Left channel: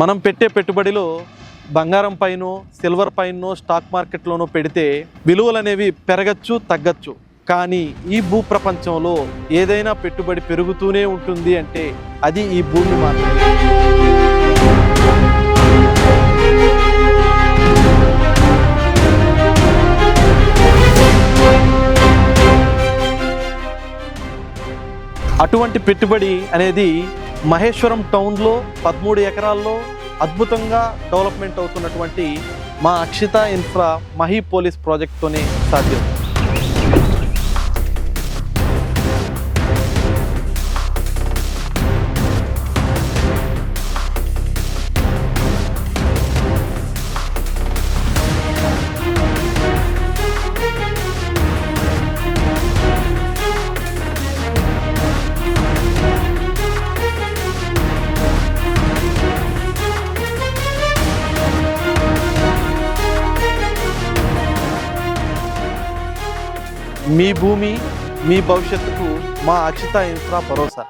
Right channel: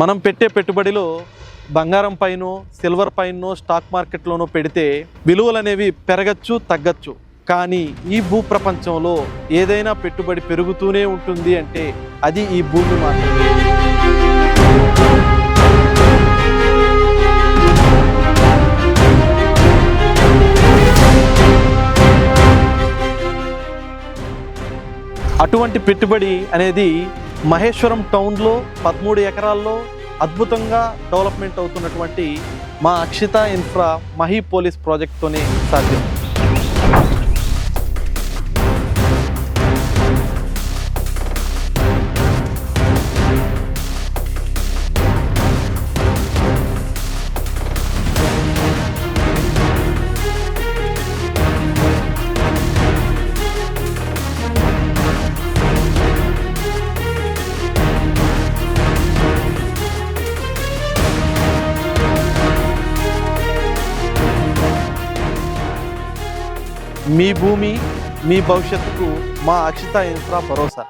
మనం పెట్టే పెట్టుబడిలో బంగారం పైనో సిల్వర్ పైనో స్టాక్ మార్కెట్లోనో పెడితే విలువలు అనేవి పెరగచ్చు తగ్గచ్చు. కానీ ఈ భూ ప్రపంచంలో ఏదైనా పెట్టుబడి పెరుగుతూనే ఉంటుంది అంటే అది ఈ భూమి మాత్రమే. అటువంటి పెట్టుబడి అనేది మహేశ్వరం టౌన్లో 13 ఎకరాల్లో అద్భుతంగా డెవలప్మెంట్ అవుతున్నటువంటి మా అక్షిత ఇన్ఫ్రా మహి పోలీస్ ప్రాజెక్ట్తోనే సాధ్యం. మీ భూమి మీ భవిష్యత్తుకు మా అక్షిత ఇన్ఫ్రా భరోసా.